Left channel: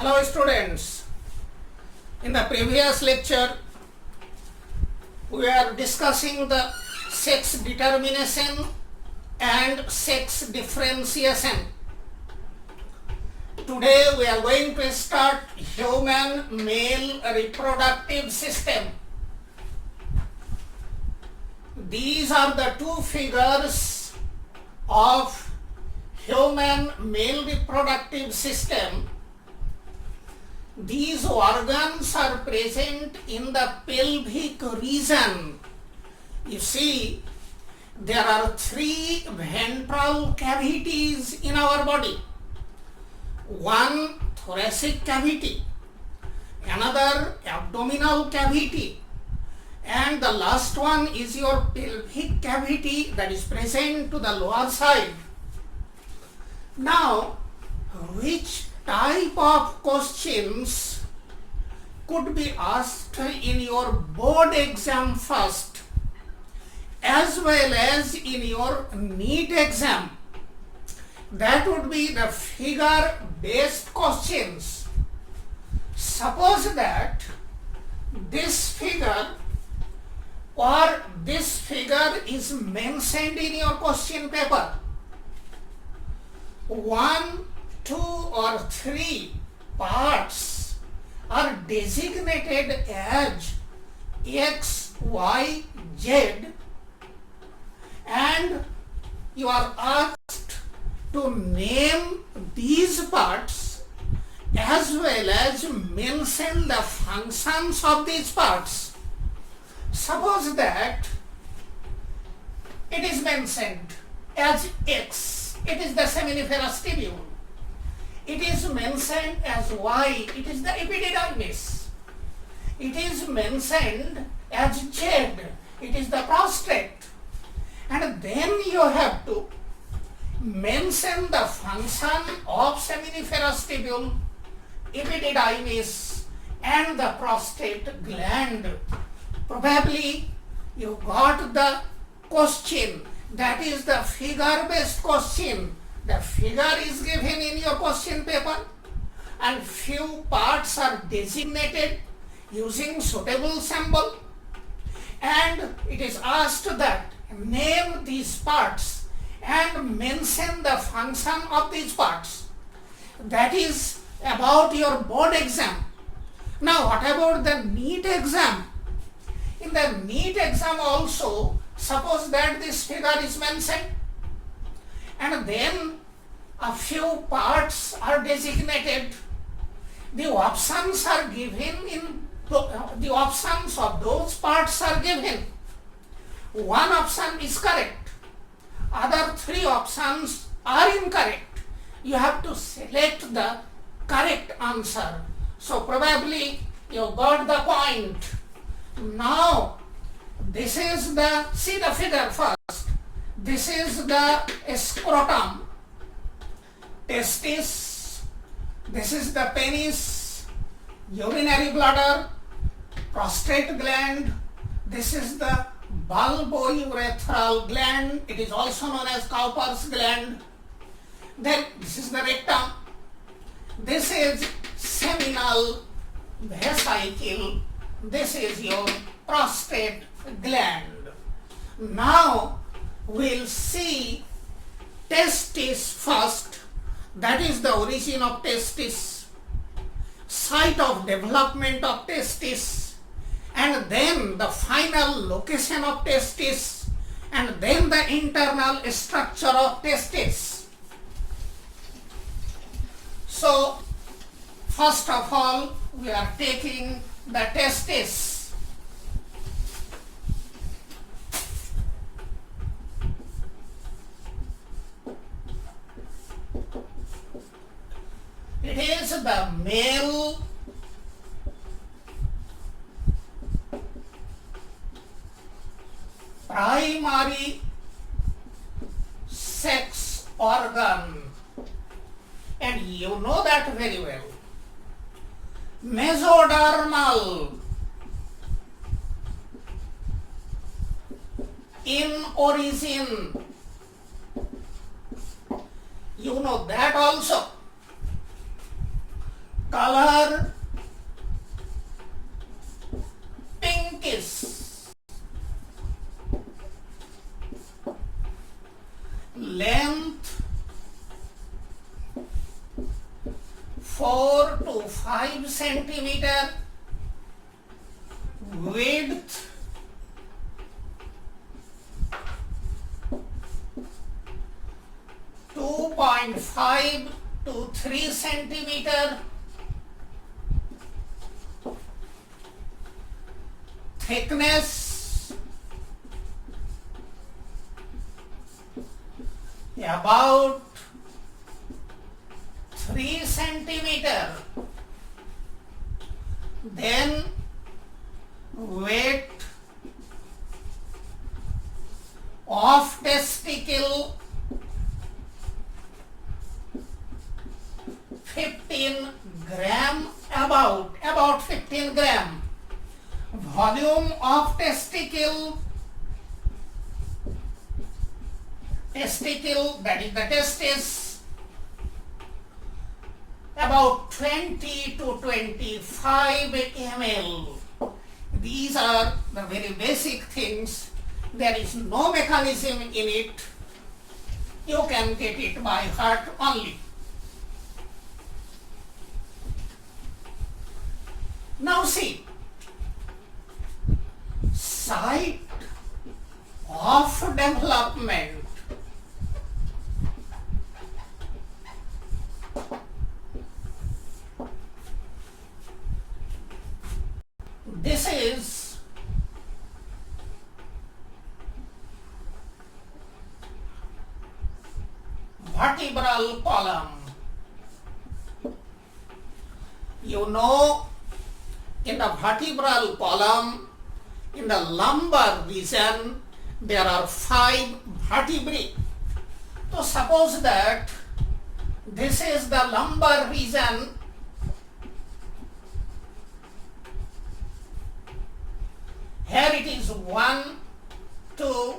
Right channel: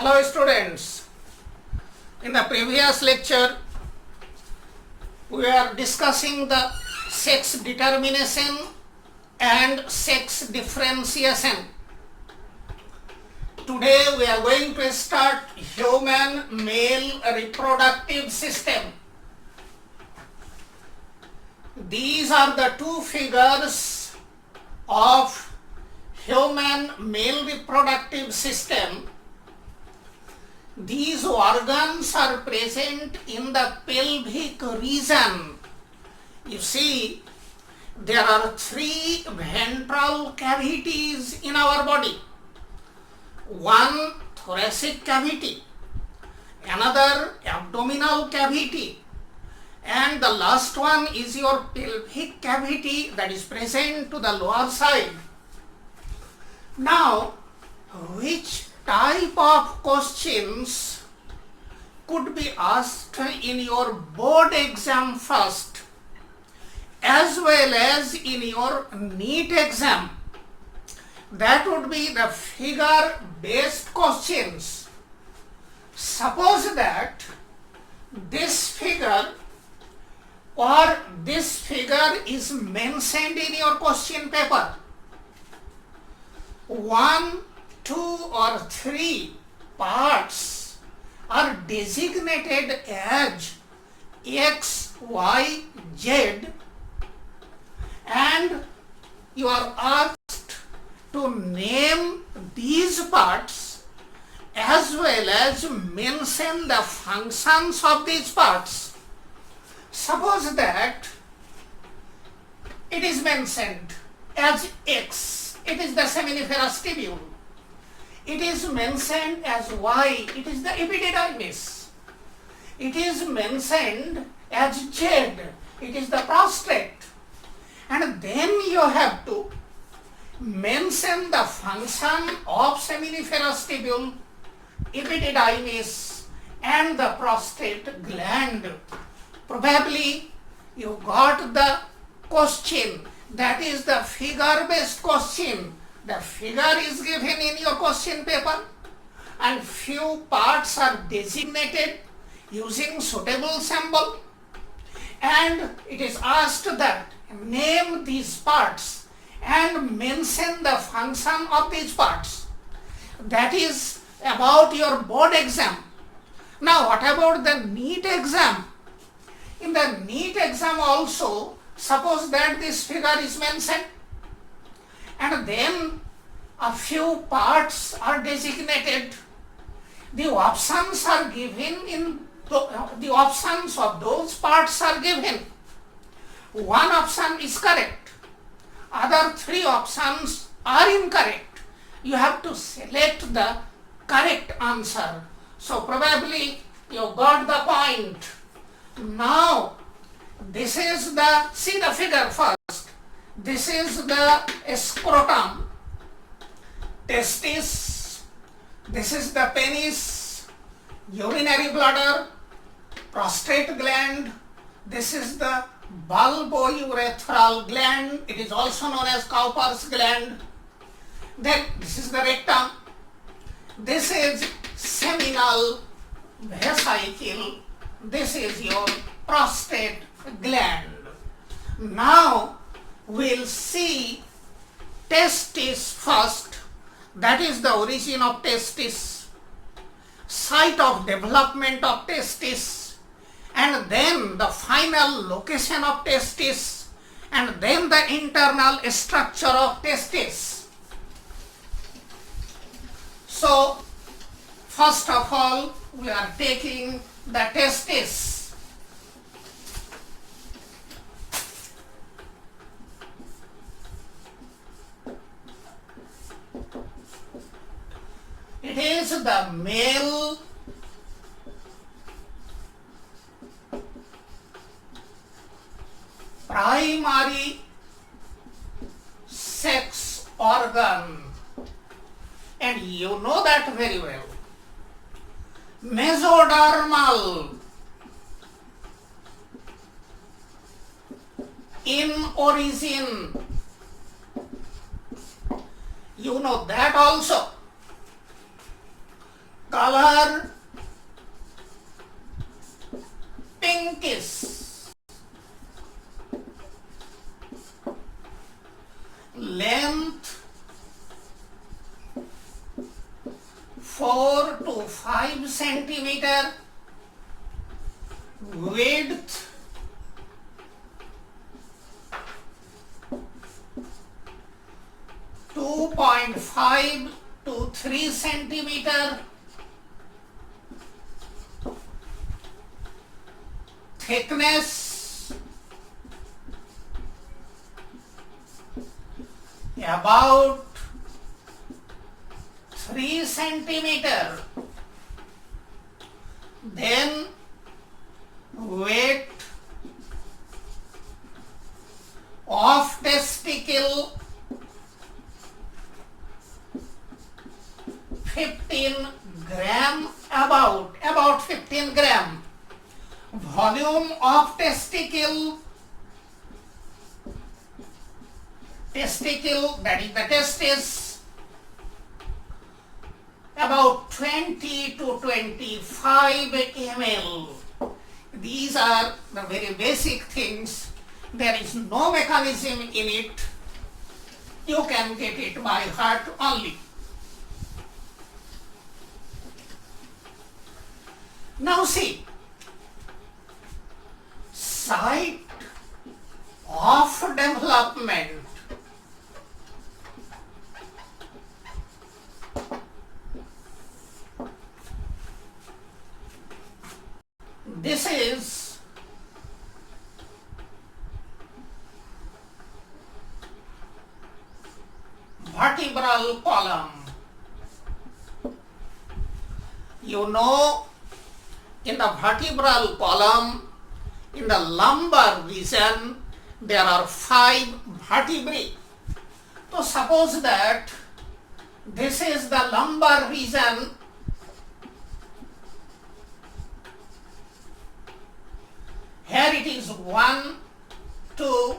Hello students, in the previous lecture we are discussing the sex determination and sex differentiation. Today we are going to start human male reproductive system. These are the two figures of human male reproductive system. These organs are present in the pelvic region. You see, there are three ventral cavities in our body. One thoracic cavity, another abdominal cavity, and the last one is your pelvic cavity that is present to the lower side. Now, which type of questions could be asked in your board exam first as well as in your NEET exam? That would be the figure based questions. Suppose that this figure or this figure is mentioned in your question paper. 1, 2 or 3 parts are designated as X, Y, Z, and you are asked to name these parts as well as mention the functions of these parts. Suppose that it is mentioned as X, it is the seminiferous tubule. It is mentioned as Y, it is the epididymis. It is mentioned as Z, it is the prostate. And then you have to mention the function of seminiferous tubule, epididymis, and the prostate gland. Probably you got the question, that is the figure-based question. The figure is given in your question paper and few parts are designated using suitable symbol, and it is asked that name these parts and mention the function of these parts. That is about your board exam. Now what about the NEET exam? In the NEET exam also, suppose that this figure is mentioned and then a few parts are designated. The options are given in the options of those parts are given. One option is correct, other 3 options are incorrect. You have to select the correct answer. So probably you got the point. Now this is the, see the figure first. This is the scrotum, testis, this is the penis, urinary bladder, prostate gland, this is the bulbourethral gland, it is also known as Cowper's gland. Then this is the rectum, this is seminal vesicle, this is your prostate gland. Now we'll see testis first, that is the origin of testis, site of development of testis, and then the final location of testis, and then the internal structure of testis. So first of all we are taking the testis. It is the male primary sex organ, and you know that very well. Mesodermal in origin, you know that also. color pinkish, length 4 to 5 centimeter, width 2.5 to 3 centimeter, thickness about 3 centimeter, then weight of testicle 15 gram, about 15 gram, volume of testicle, that is the testis, about 20 to 25 ml. These are the very basic things. There is no mechanism in it. You can get it by heart only. Now see, site of development. This is vertebral column. You know, in the vertebral column, in the lumbar region, there are 5 vertebrae. So suppose that this is the lumbar region. Here it is 1, 2,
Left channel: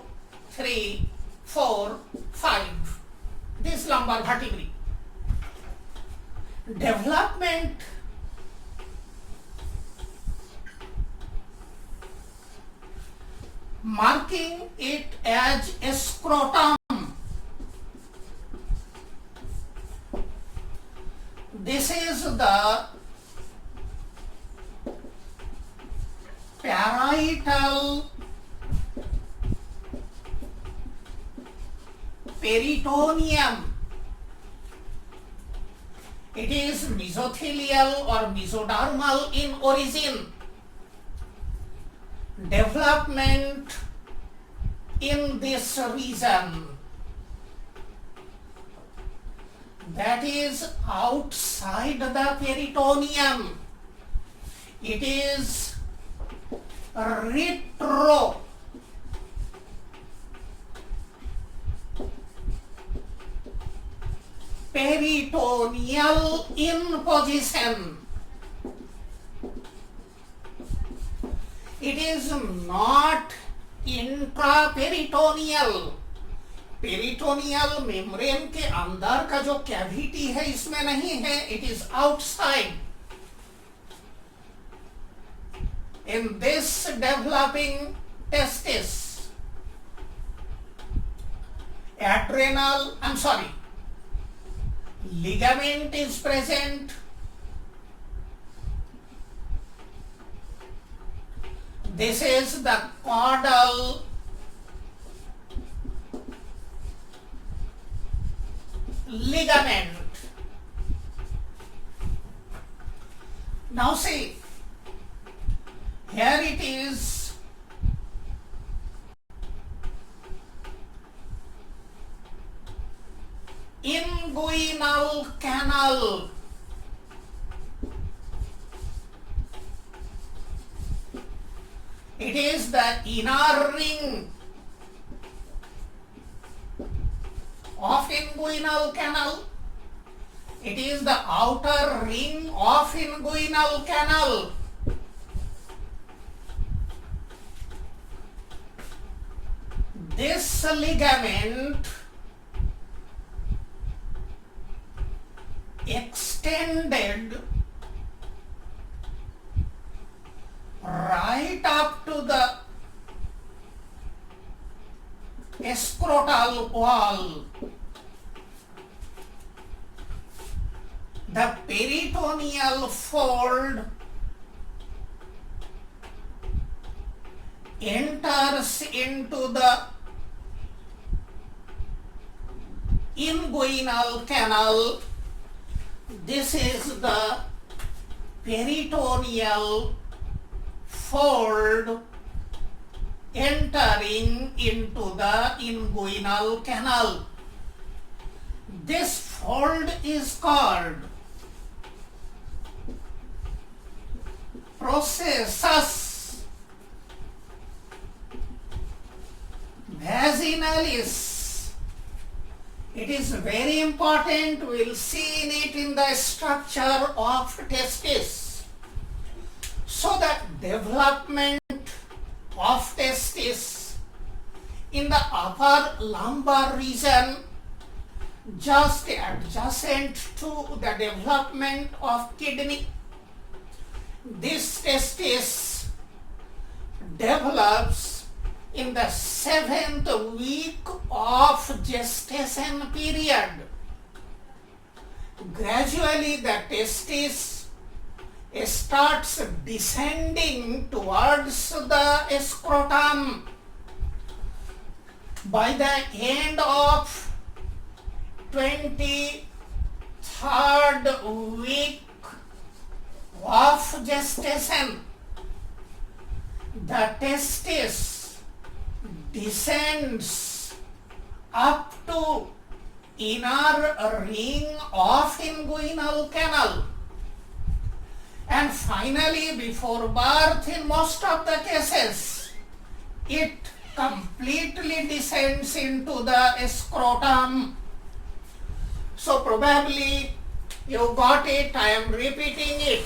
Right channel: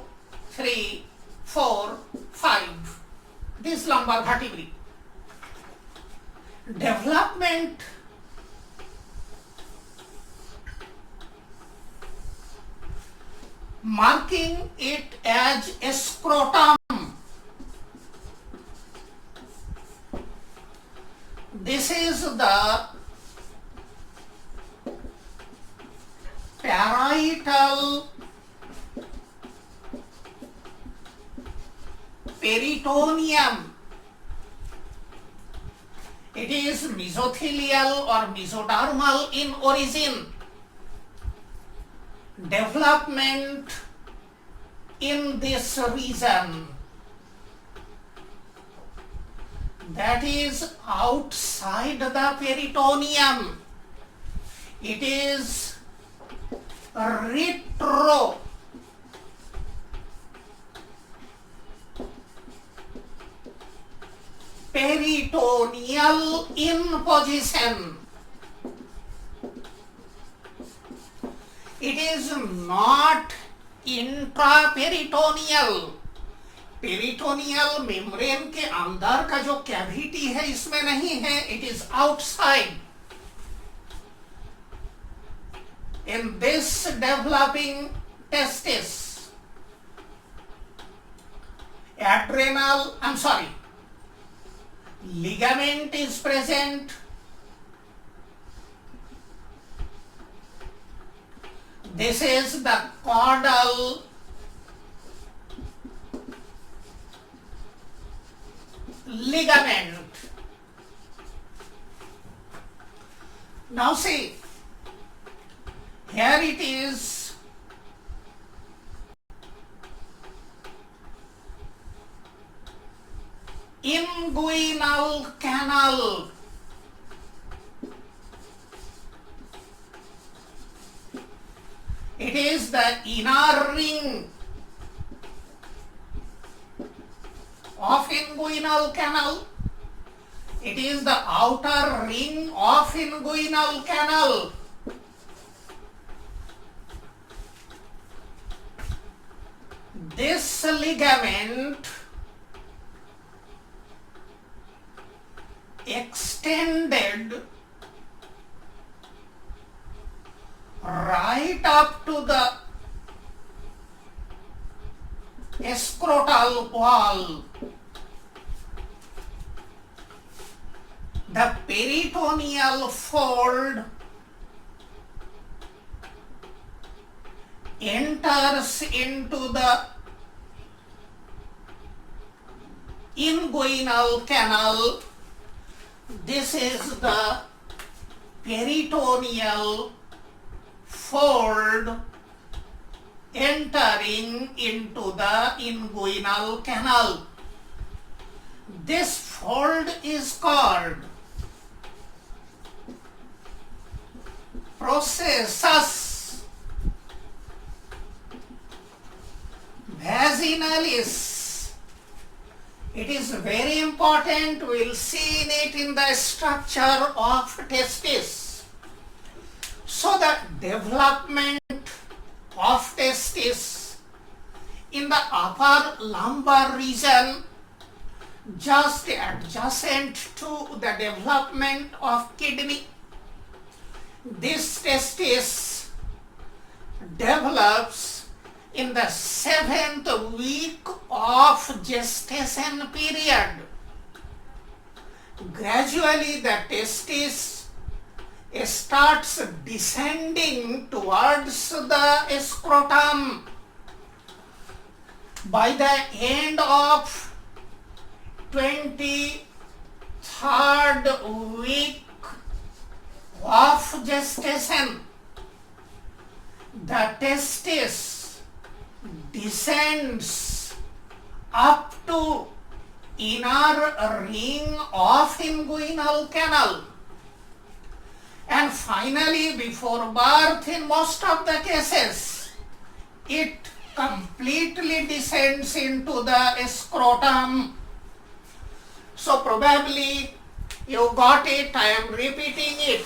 3, 4, 5. This lumbar vertebrae. Development marking it as a scrotum. This is the parietal peritoneum. It is mesothelial or mesodermal in origin. Development in this region, that is outside the peritoneum. It is retro peritoneal in position. It is not intraperitoneal. Peritoneal membrane के अंदर का जो cavity है इसमें नहीं है, it is outside. In this developing testis, ligament is present. This is the caudal ligament. Now see, here it is inguinal canal. It is the inner ring of inguinal canal. It is the outer ring of inguinal canal. This ligament extended right up to the scrotal wall. The peritoneal fold enters into the inguinal canal. This is the peritoneal fold entering into the inguinal canal. This fold is called processus vaginalis. It is very important. We will see in it in the structure of testis. So the development of testis in the upper lumbar region, just adjacent to the development of kidney. This testis develops in the 7th week of gestation period. Gradually the testis starts descending towards the scrotum. By the end of 23rd week of gestation, the testis descends up to inner ring of inguinal canal, and finally before birth, in most of the cases, it completely descends into the scrotum. So probably you got it, I am repeating it.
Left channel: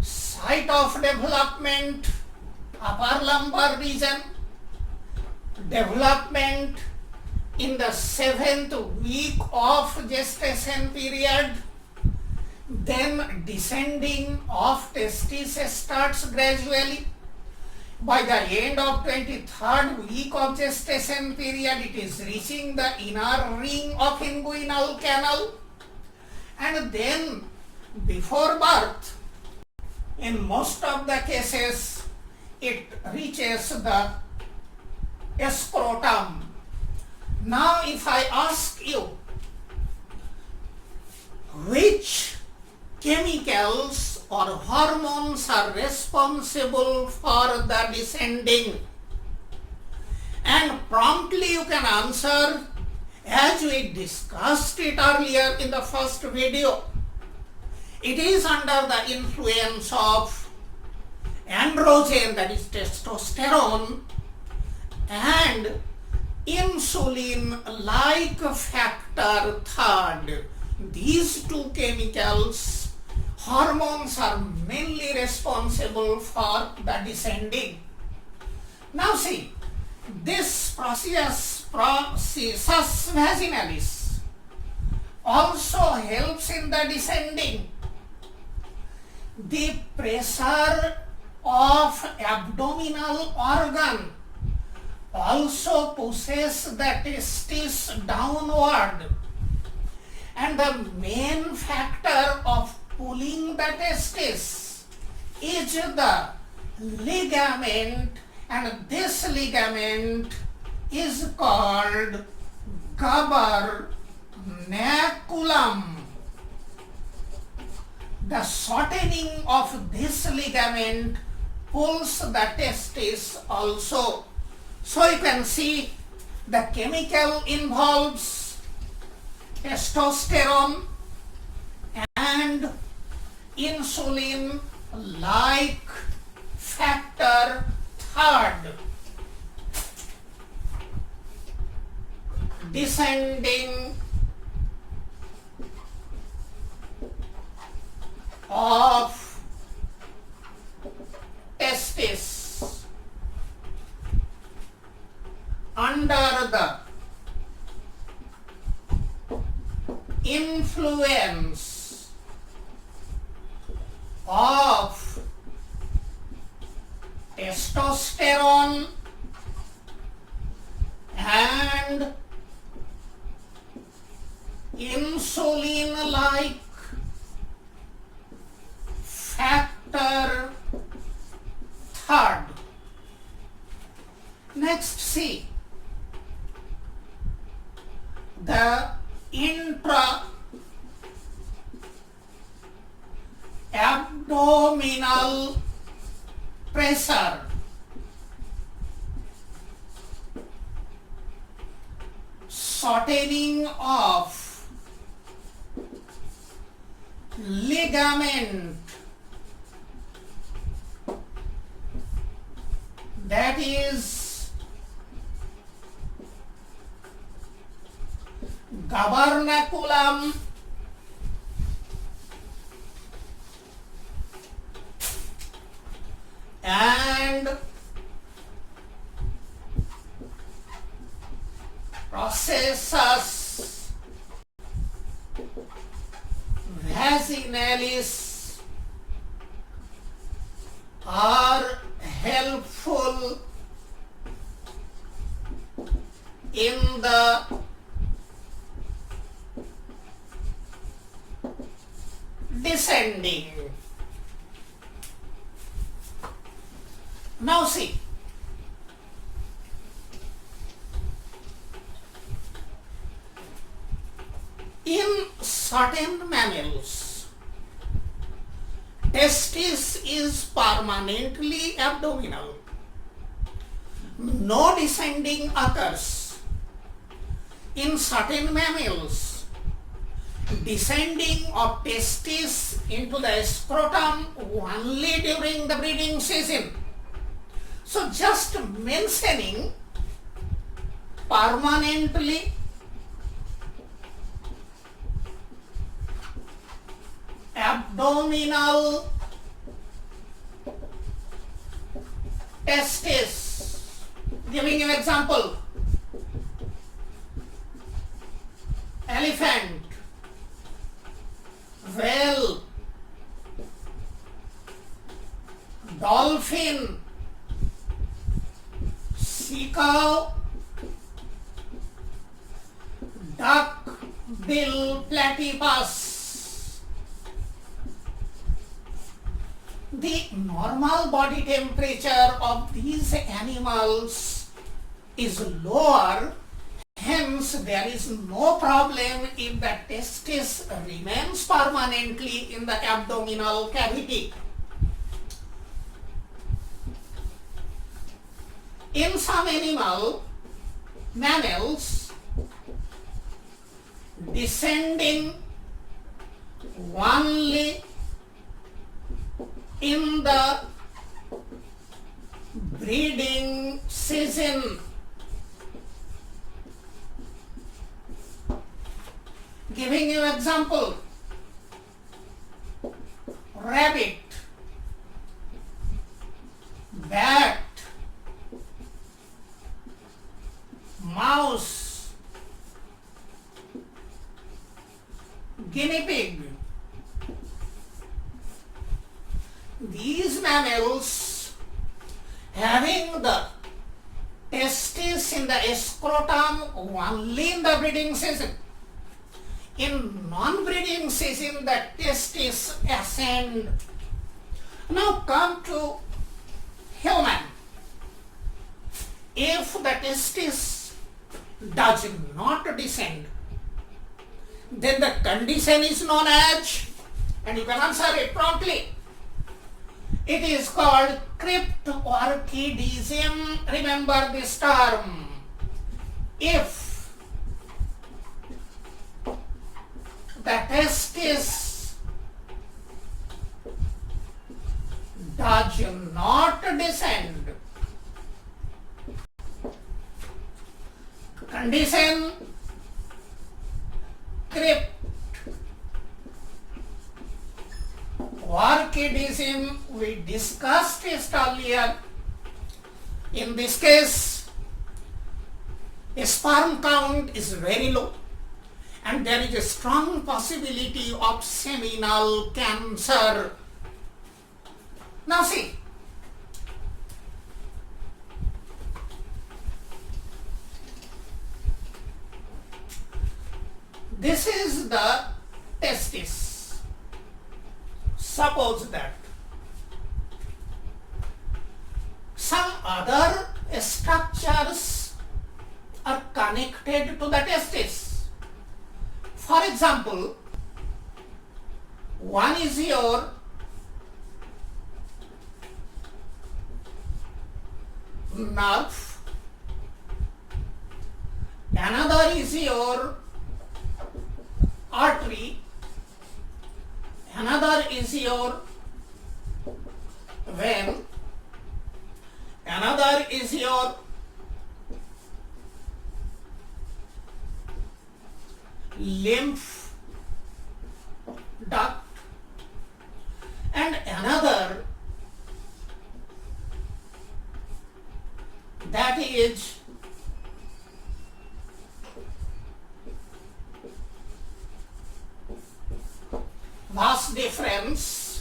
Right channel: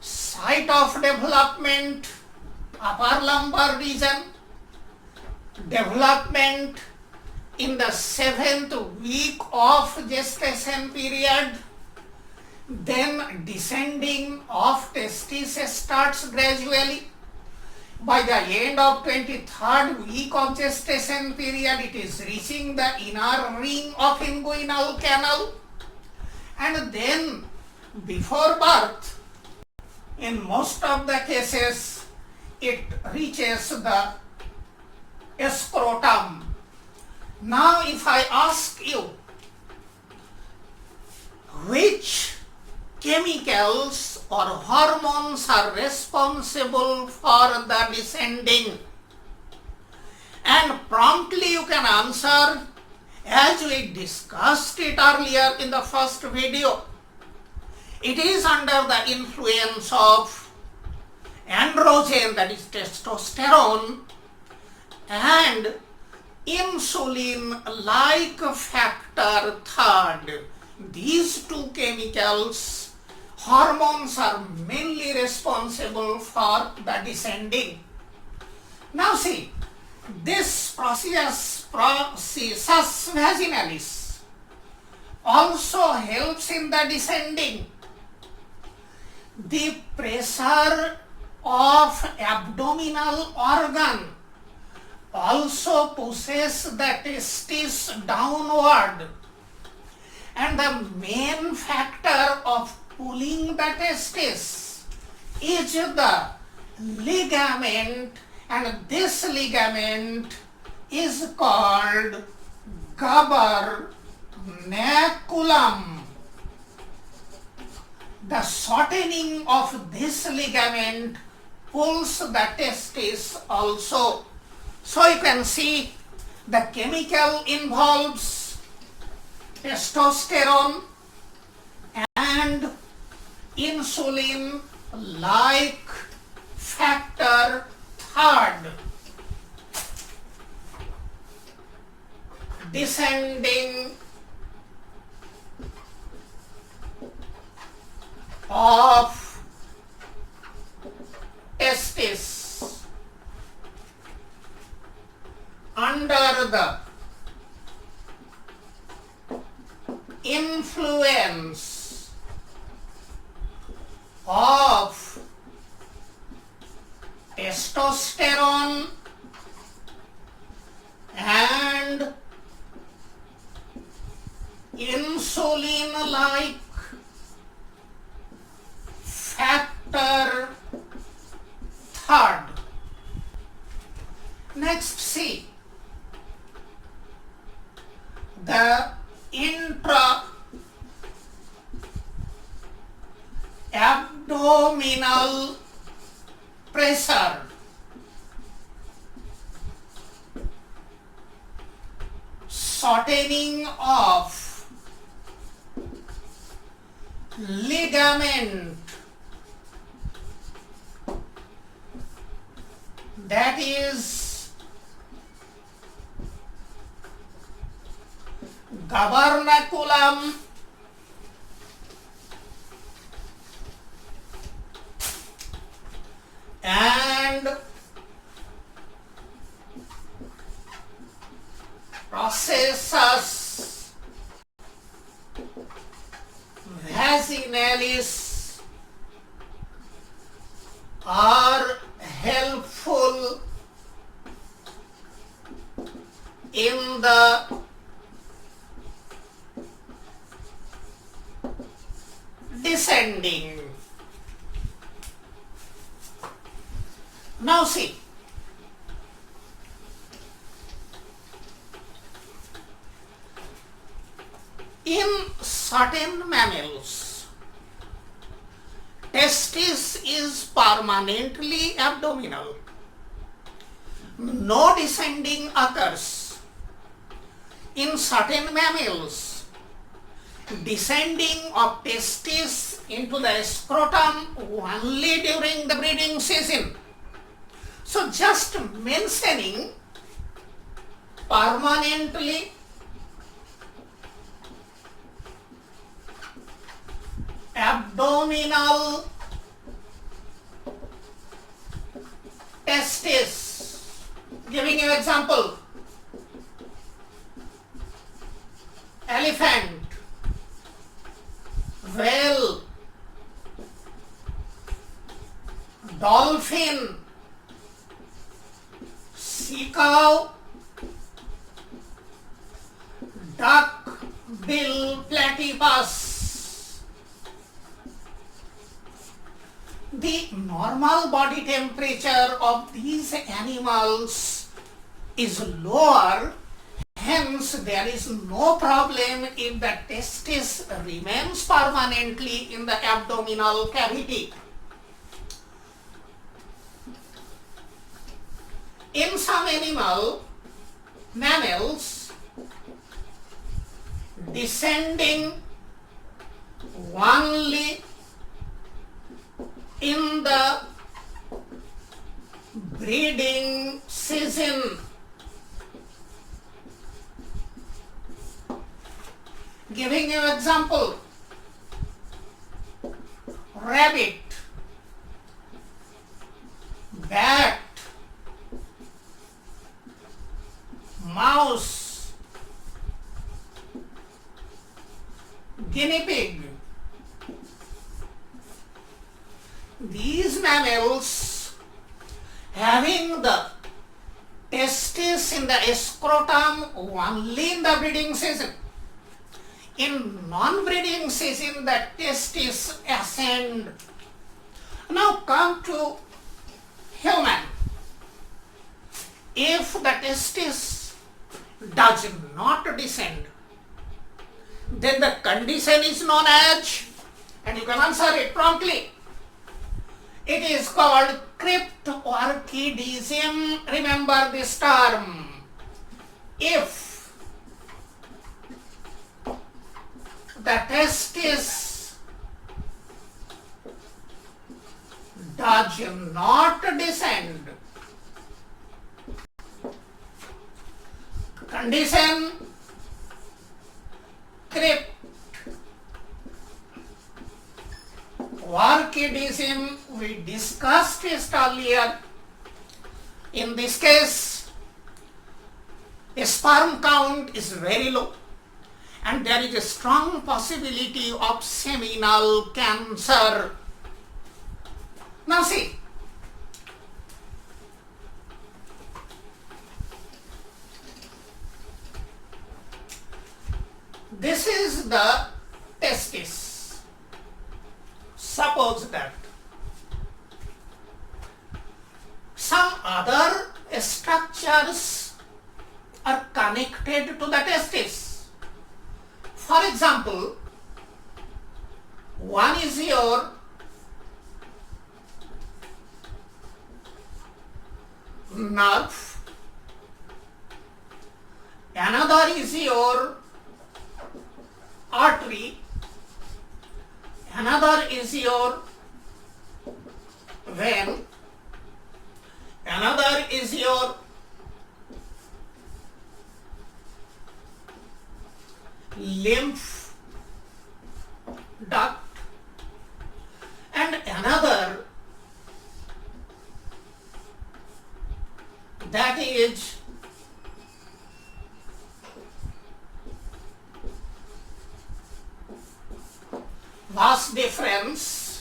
Site of development, upper lumbar region, development in the 7th week of gestation period, then descending of testis starts gradually. By the end of 23rd week of gestation period, it is reaching the inner ring of inguinal canal, and then before birth, in most of the cases, it reaches the scrotum. Now if I ask you, which chemicals or hormones are responsible for the descending? And promptly you can answer, as we discussed it earlier in the first video, it is under the influence of androgen, that is testosterone, and insulin-like factor third. These two chemicals, hormones, are mainly responsible for the descending. Now see, this processus vaginalis also helps in the descending. The pressure of abdominal organ also pushes the testis downward, and the main factor of pulling the testis is the ligament, and this ligament is called gubernaculum. The shortening of this ligament pulls the testis also. So you can see the chemical involves testosterone and insulin-like factor third. Descending of testis under the influence of testosterone and insulin-like factor third. Next, see the intra-abdominal pressure. Shortening of ligament, that is gubernaculum and processus vaginalis are helpful in the descending. Now see, in certain mammals, testis is permanently abdominal. No descending occurs. In certain mammals, descending of testis into the scrotum only during the breeding season. So just mentioning permanently abdominal testis, giving an example, elephant, whale, dolphin, sea cow, duck bill platypus. The normal body temperature of these animals is lower, hence there is no problem if the testis remains permanently in the abdominal cavity. In some mammals, descending only in the breeding season. Giving you example, rabbit, bat, mouse, guinea pig. These mammals having the testis in the scrotum only in the breeding season. In non-breeding season, the testis ascend. Now come to human. If the testis does not descend, then the condition is known as, and you can answer it promptly, it is called cryptorchidism. Remember this term. If the testis does not descend, condition cryptorchidism. We discussed this earlier. In this case, a sperm count is very low and there is a strong possibility of seminal cancer. Now see, This is the testis. Suppose that some other structures are connected to the testis. For example, one is your nerve, another is your artery, another is your vein, another is your lymph duct, and another that is vas deferens.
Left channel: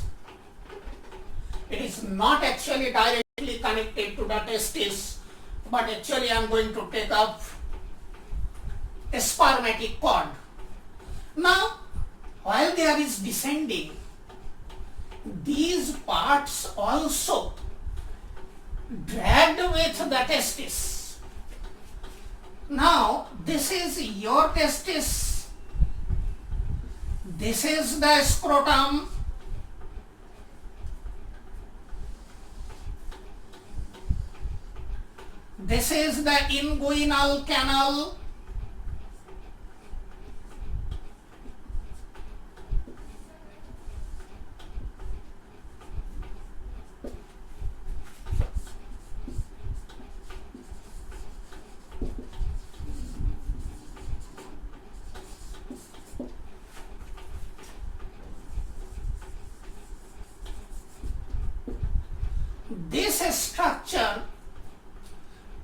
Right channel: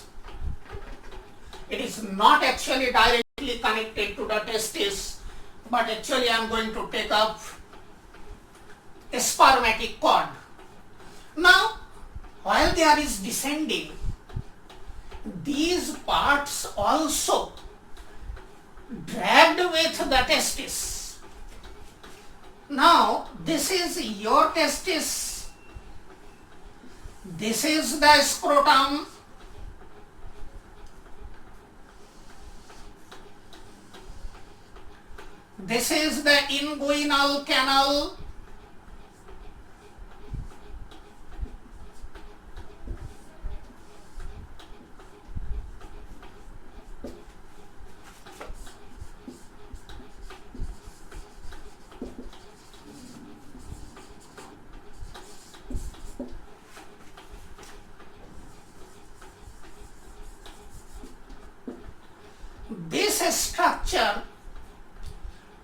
It is not actually directly connected to the testis, but actually I am going to take up a spermatic cord. Now, while there is descending, these parts also dragged with the testis. Now, this is your testis, this is the scrotum, this is the inguinal canal, this structure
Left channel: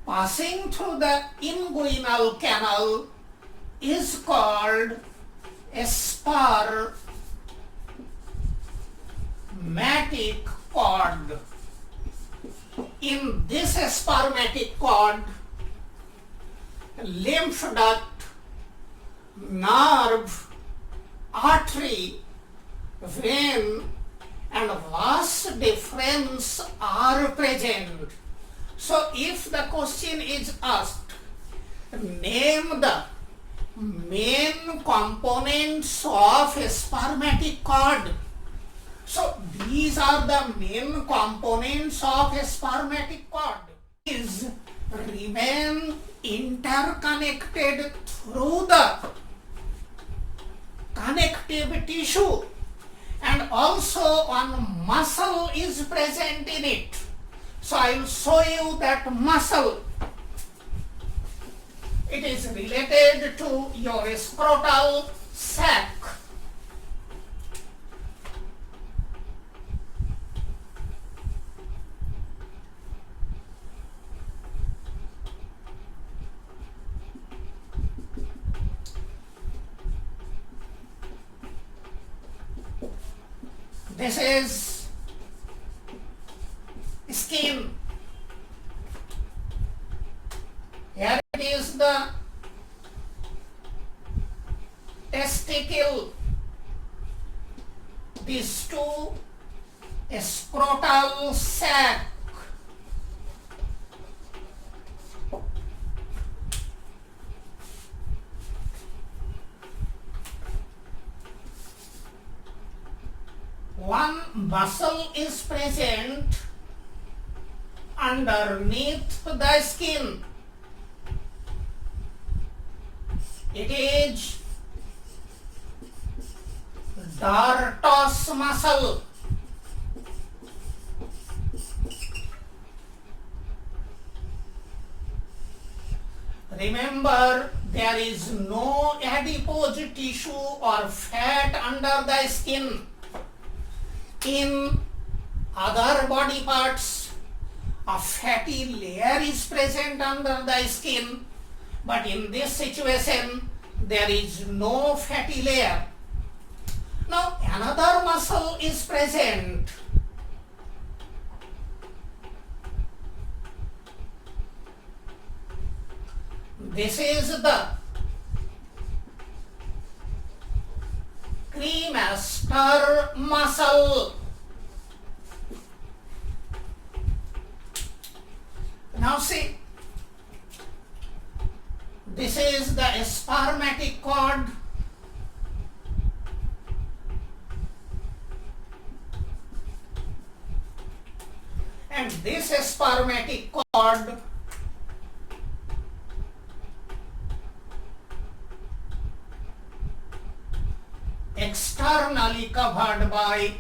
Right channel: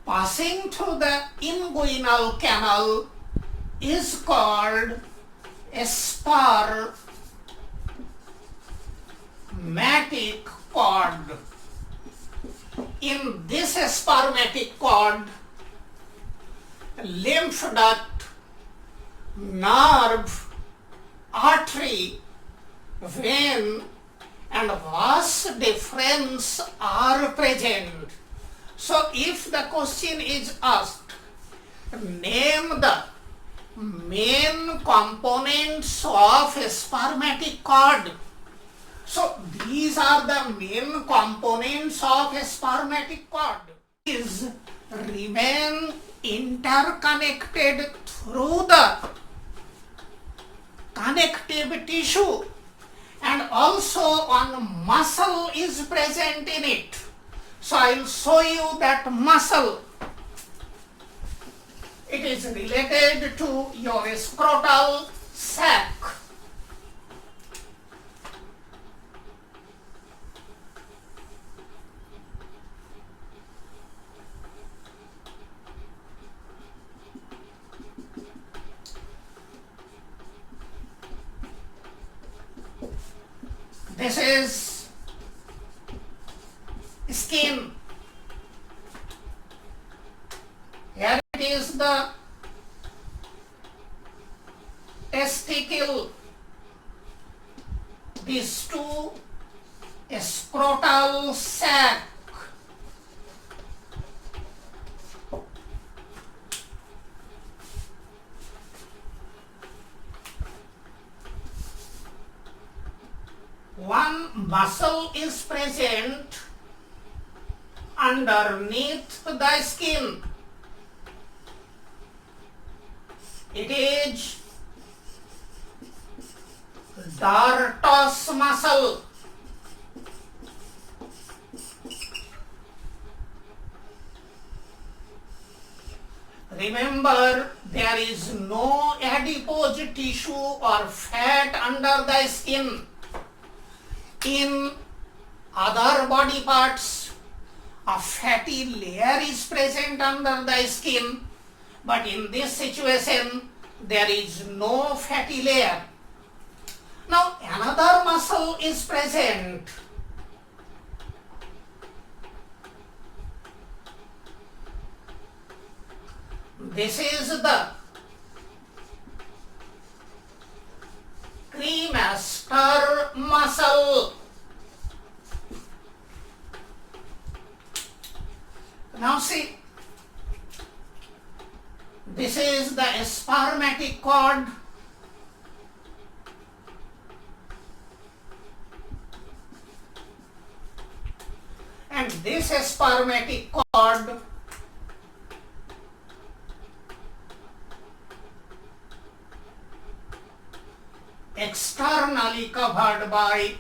passing through the inguinal canal is called a spermatic cord. In this spermatic cord, lymph duct, nerve, artery, vein, and vas deferens are present. So if the question is asked, name the main components of a spermatic cord. So these are the main components of a spermatic cord. Is remain interconnected through the connective tissue, and also one muscle is present in it. So I will show you that muscle. It is related to your scrotal sac. This is skin. Here it is the testicle. These two scrotal sac. One muscle is present underneath the skin. It is dartos muscle. Remember, there is no adipose tissue or fat under the skin. In other body parts, a fatty layer is present under the skin, but in this situation, there is no fatty layer. Now, another muscle is present. This is the cremaster muscle. Now see, this is the spermatic cord. And this spermatic cord externally covered by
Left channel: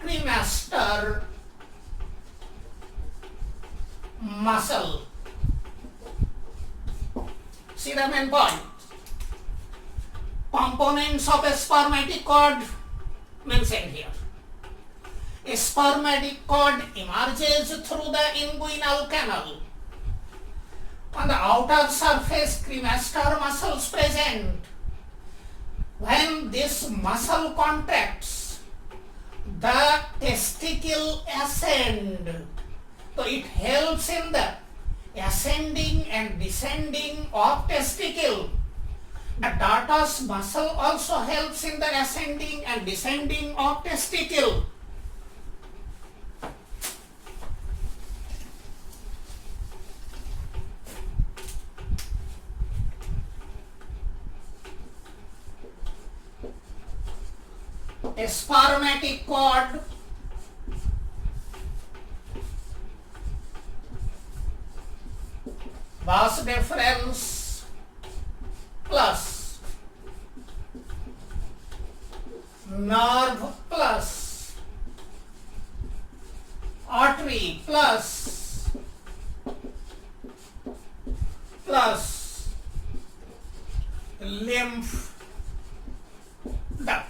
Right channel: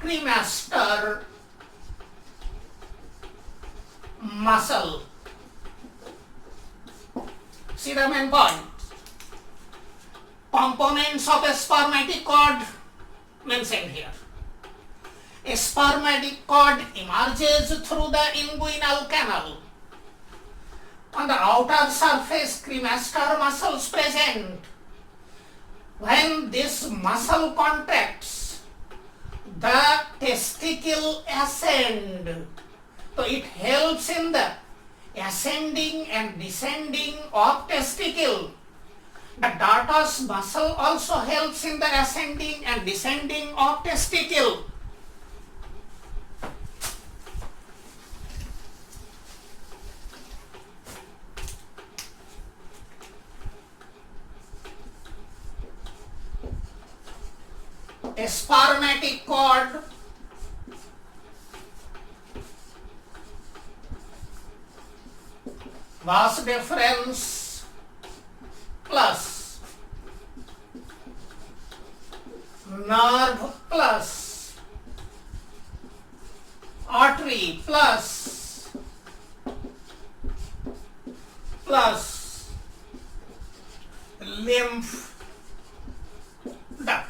cremaster muscle. See the main point. Components of a spermatic cord mentioned here. A spermatic cord emerges through the inguinal canal. On the outer surface, cremaster muscles present. When this muscle contracts, the testicle ascend. So it helps in the ascending and descending of testicle. The dartos muscle also helps in the ascending and descending of testicle. A spermatic cord vas deferens plus nerve plus artery plus lymph duct.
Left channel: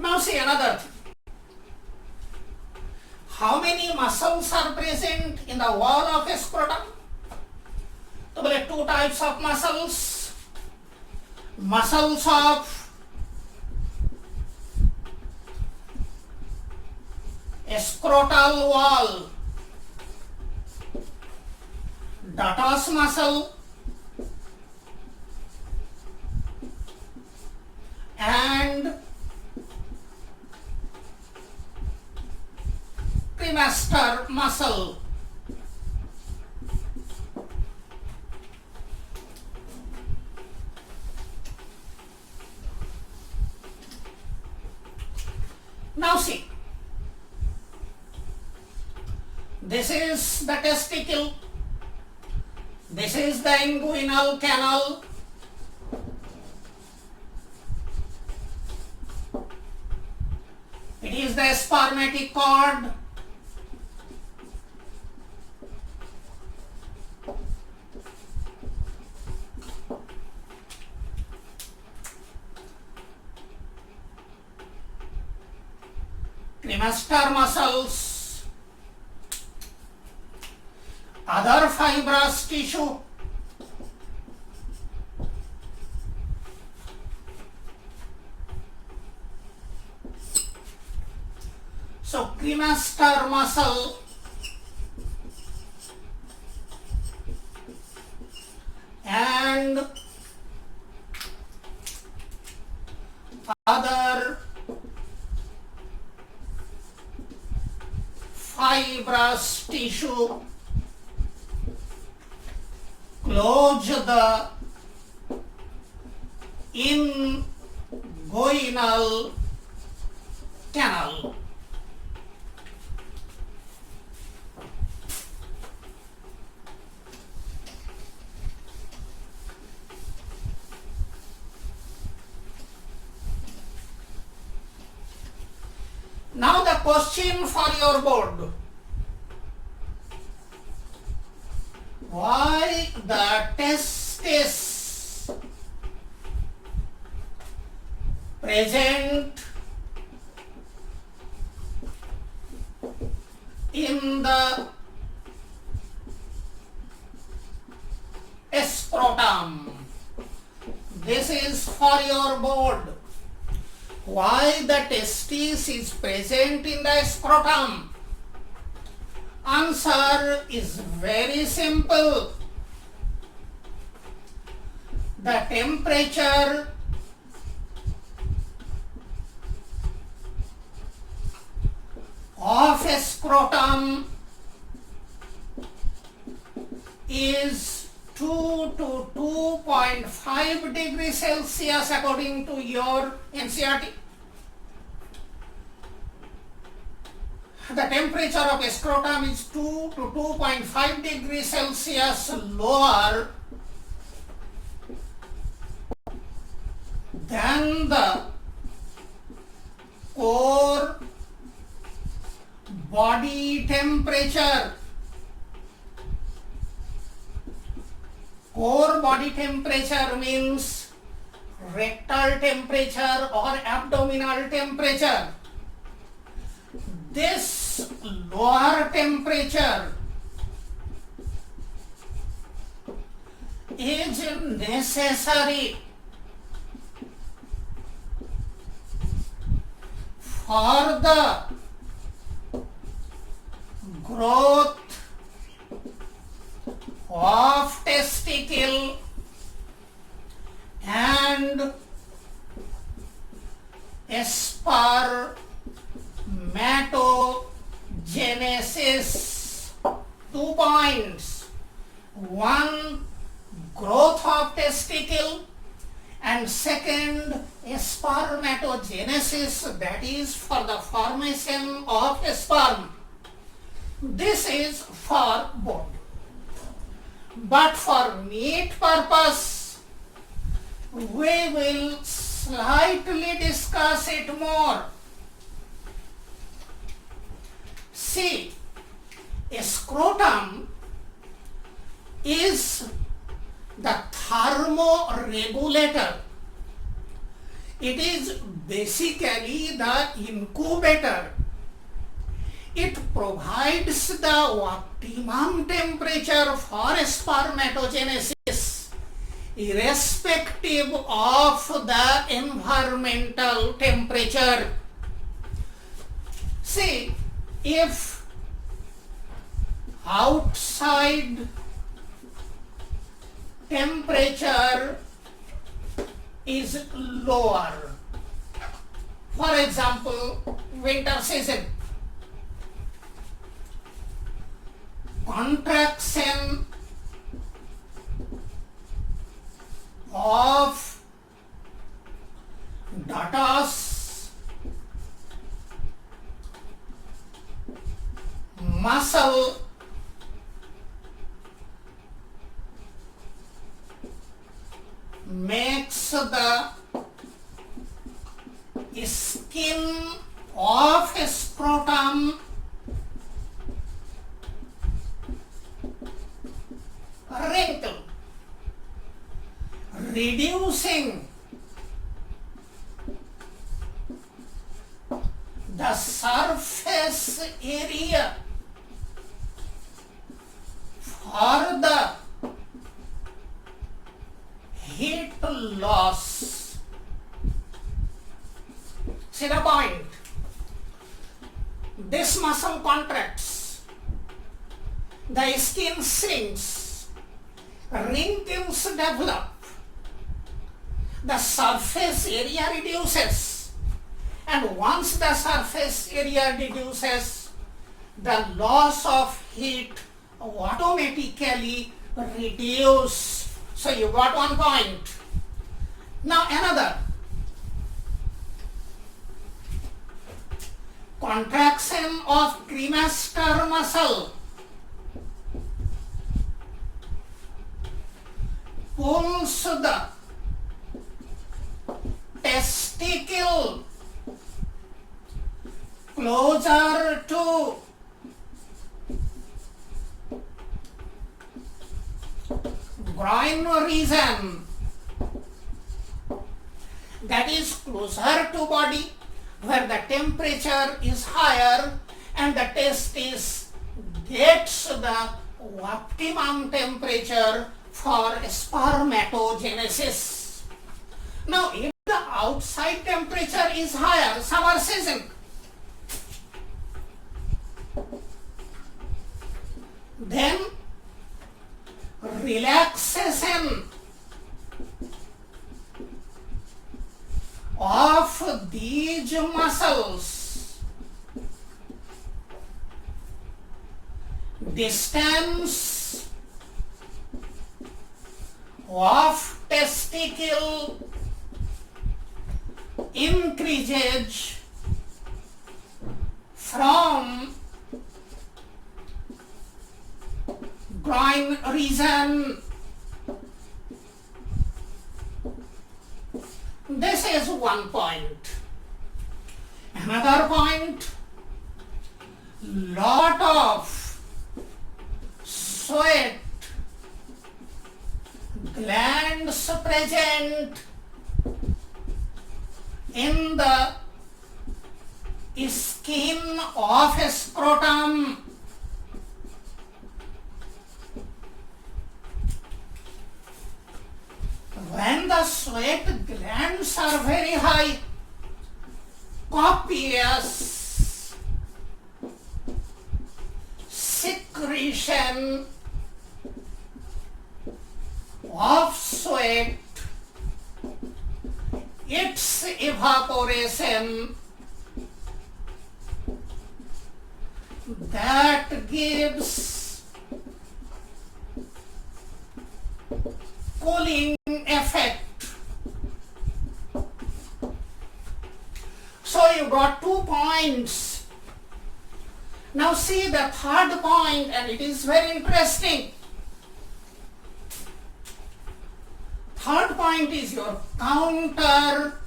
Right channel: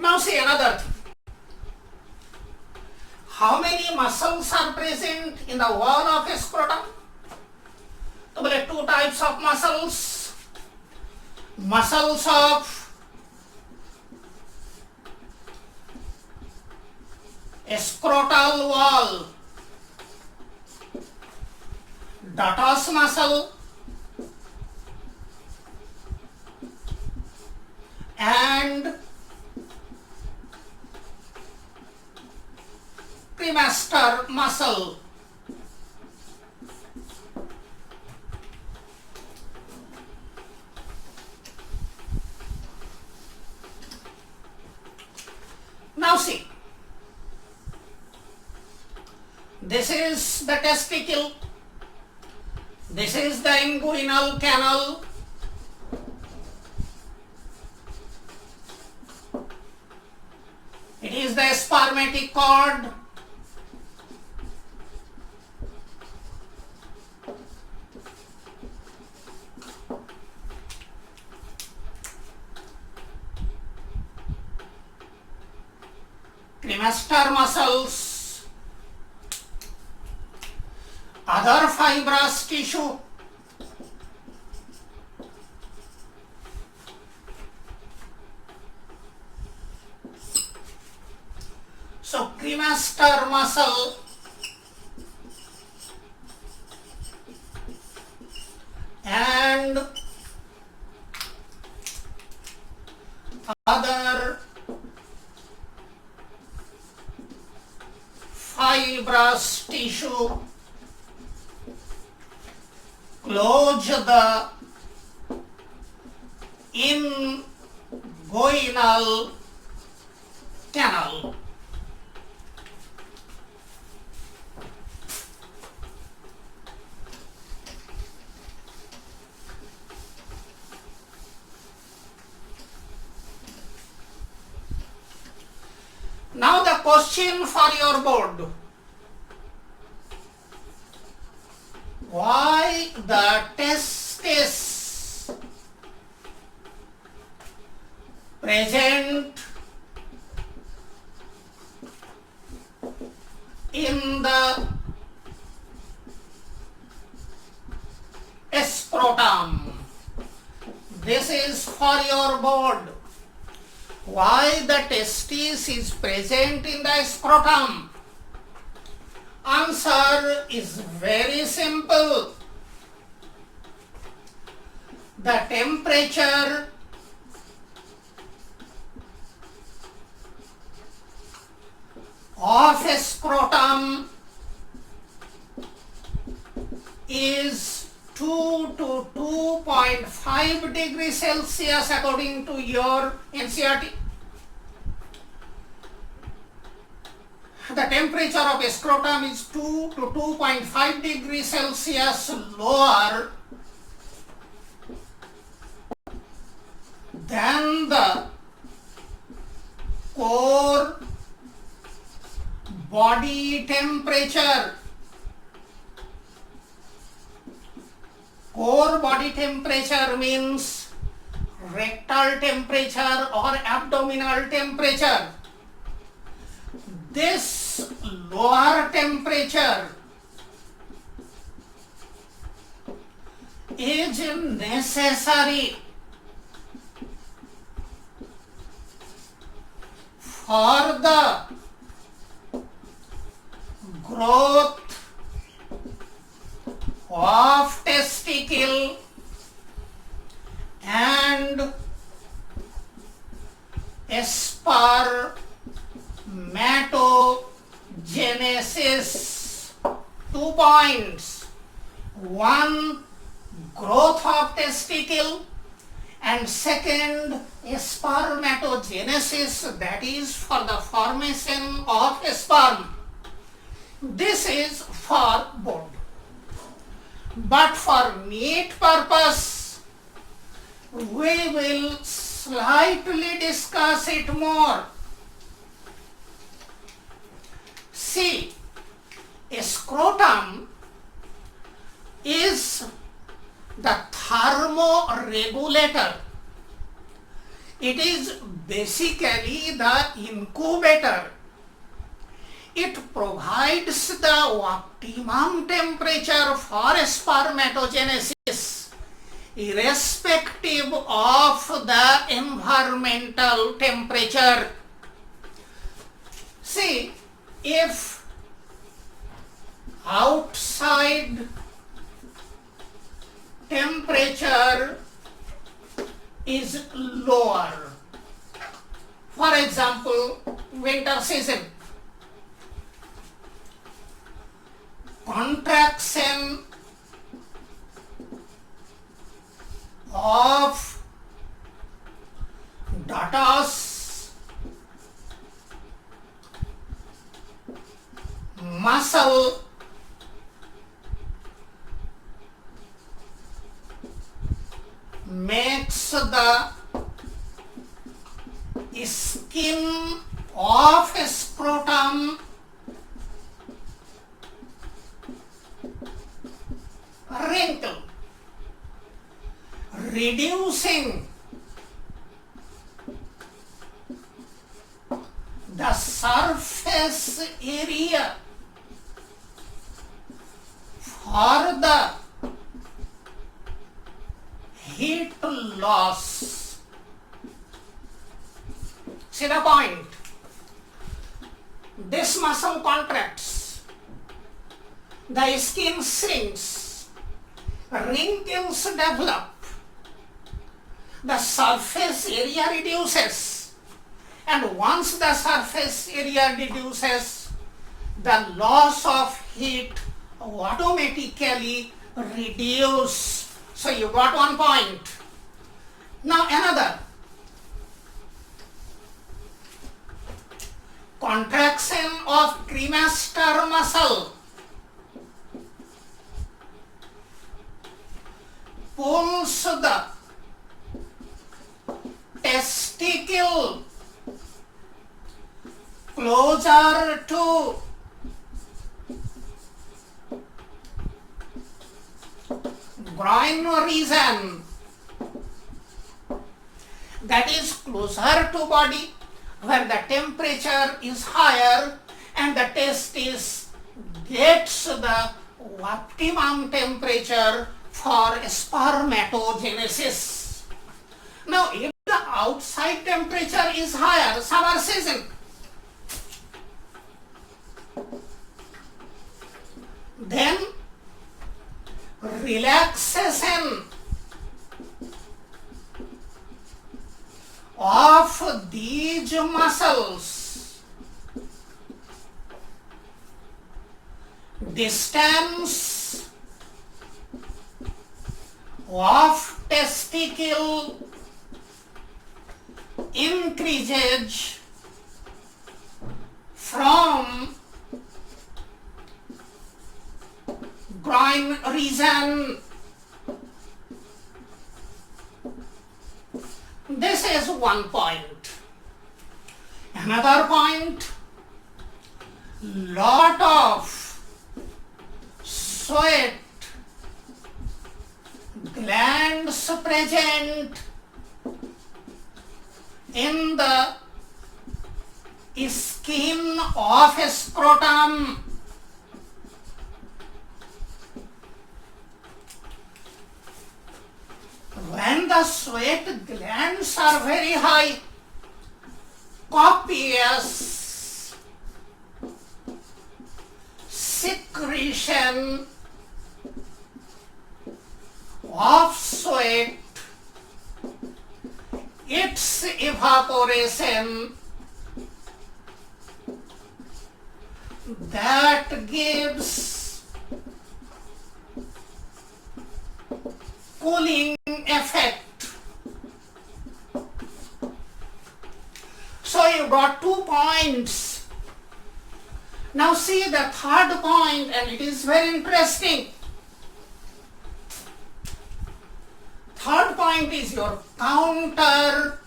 Now see another thing. How many muscles are present in the wall of a scrotum? So there are two types of muscles. Muscles of a scrotal wall, dartos muscle and cremaster muscle. Now see, this is the testicle, this is the inguinal canal, it is the spermatic cord, cremaster muscles, other fibrous tissue, so cremaster muscle and other fibrous tissue close the inguinal canal. Now the question for your board. Why the testis present in the scrotum? This is for your board. Why the testis is present in the scrotum? Answer is very simple. the temperature of a scrotum is 2 to 2.5 degrees Celsius according to your NCERT. The temperature of a scrotum is 2 to 2.5 degrees Celsius lower than the core body temperature. Core body temperature means rectal temperature or abdominal temperature. This lower temperature is necessary for the growth of testicle and spermatogenesis. 2 points. 1, growth of testicle, and second, spermatogenesis, that is for the formation of sperm. This is for bone. But for meat purpose, we will slightly discuss it more. See, a scrotum is the thermoregulator. It is basically the incubator. It provides the optimum temperature for spermatogenesis, irrespective of the environmental temperature. See, if outside temperature is lower, for example, winter season, contraction of dartos muscle makes the skin of a scrotum wrinkle, reducing the surface area for the heat loss. See the point? This muscle contracts, the skin shrinks, wrinkles develop, the surface area reduces, and once the surface area reduces, the loss of heat automatically reduces. So you got 1 point. Now another. Contraction of cremaster muscle pulls the testicle closer to groin region, that is closer to body, where the temperature is higher and the testis gets the optimum temperature for spermatogenesis. Now, if the outside temperature is higher, summer season, then relaxation of these muscles, distance of testicle increases from groin region. This is one point. Another point, lot of sweat glands present in the skin of scrotum. When the sweat glands are very high, copious secretion of sweat, its evaporation, that gives cooling effect. So you got 2 points. Now see the third point, and it is very interesting. Third point is your counter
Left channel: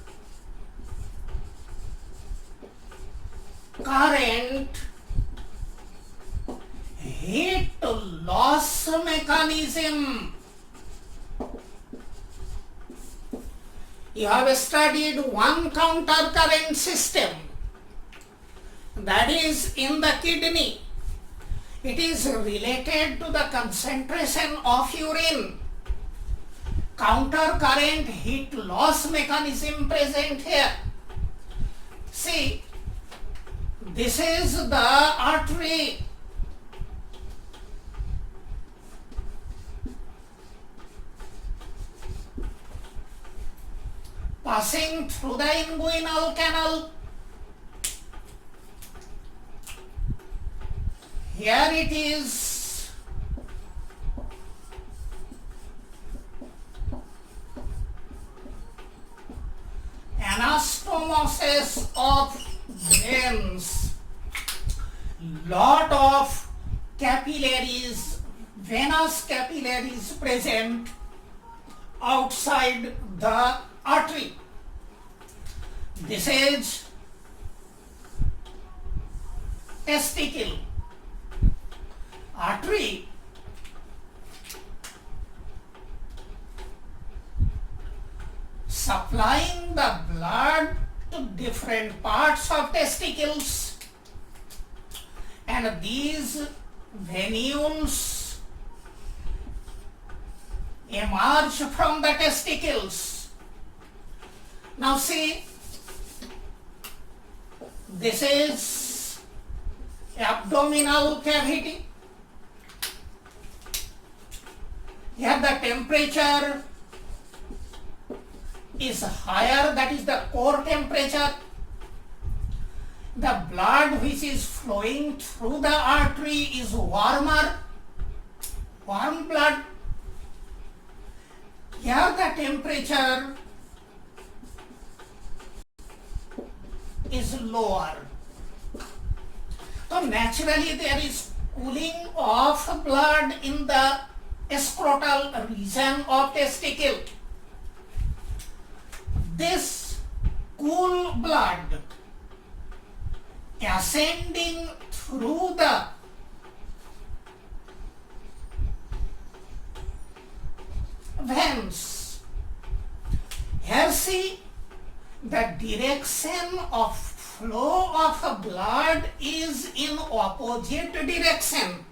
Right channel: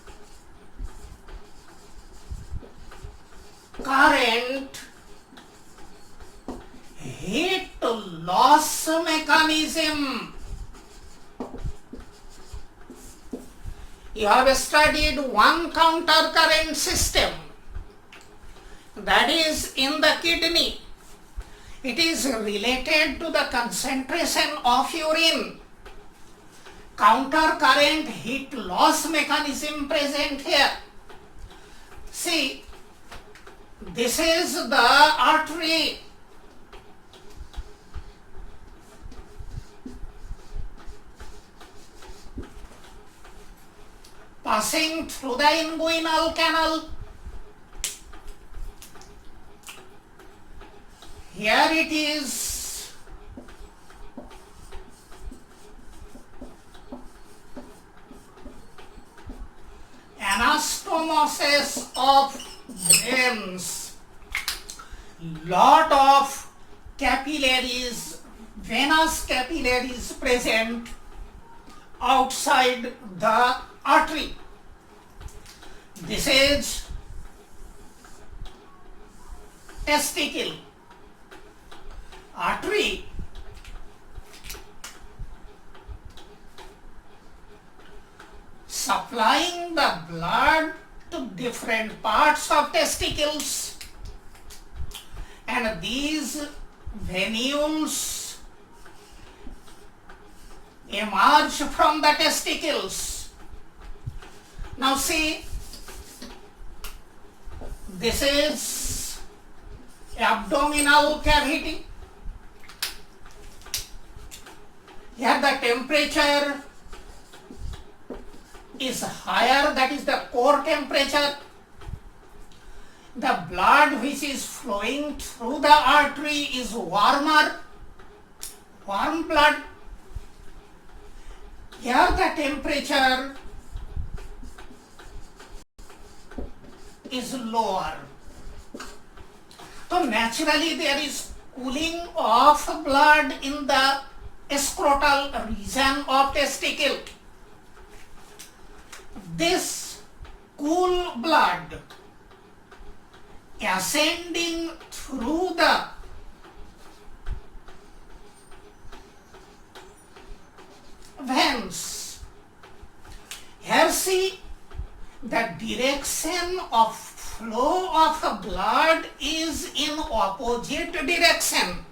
current heat loss mechanism. You have studied one counter current system, that is in the kidney. It is related to the concentration of urine. Counter current heat loss mechanism present here. See, this is the artery. Passing through the inguinal canal. Here it is. Anastomosis of veins. Lot of capillaries, venous capillaries present outside the artery. This is testicle. Artery supplying the blood to different parts of testicles, and these venules emerge from the testicles. Now see, this is abdominal cavity. Here the temperature is higher, that is the core temperature. The blood which is flowing through the artery is warmer, warm blood. Here the temperature is lower. So naturally there is cooling of blood in the scrotal region of testicle. This cool blood ascending through the veins. Here see, the direction of flow of blood is in opposite direction.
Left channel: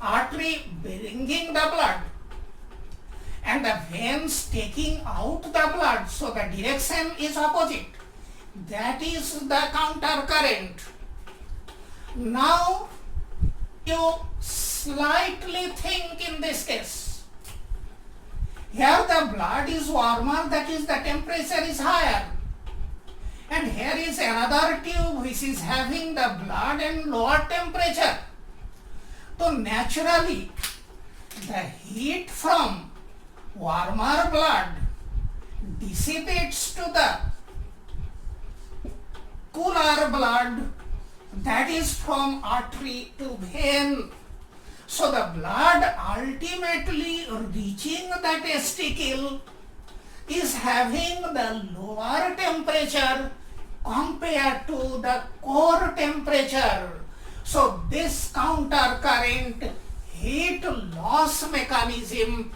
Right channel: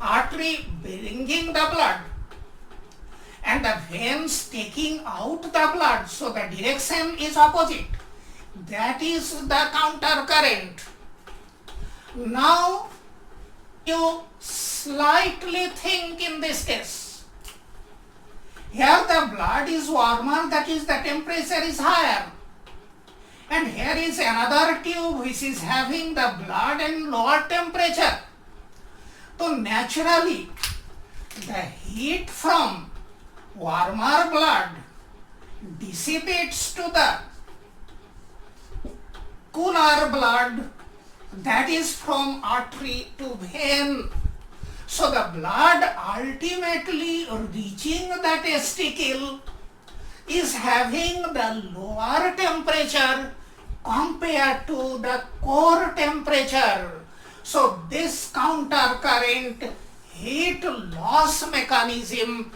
Artery bringing the blood and the veins taking out the blood, so the direction is opposite. That is the counter current. Now you slightly think in this case. Here the blood is warmer, that is the temperature is higher. And here is another tube which is having the blood and lower temperature. So naturally, the heat from warmer blood dissipates to the cooler blood, that is from artery to vein. So the blood ultimately reaching the testicle is having the lower temperature compared to the core temperature. So this counter current heat loss mechanism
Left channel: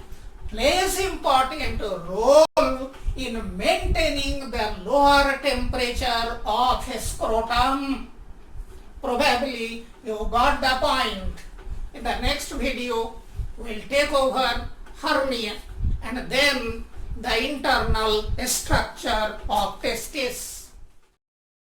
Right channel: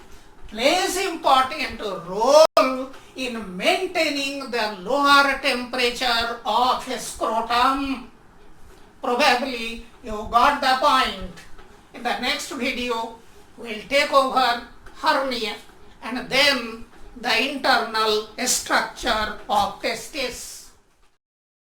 plays important role in maintaining the lower temperature of scrotum. Probably you got the point. In the next video, we'll take over hernia and then the internal structure of testis.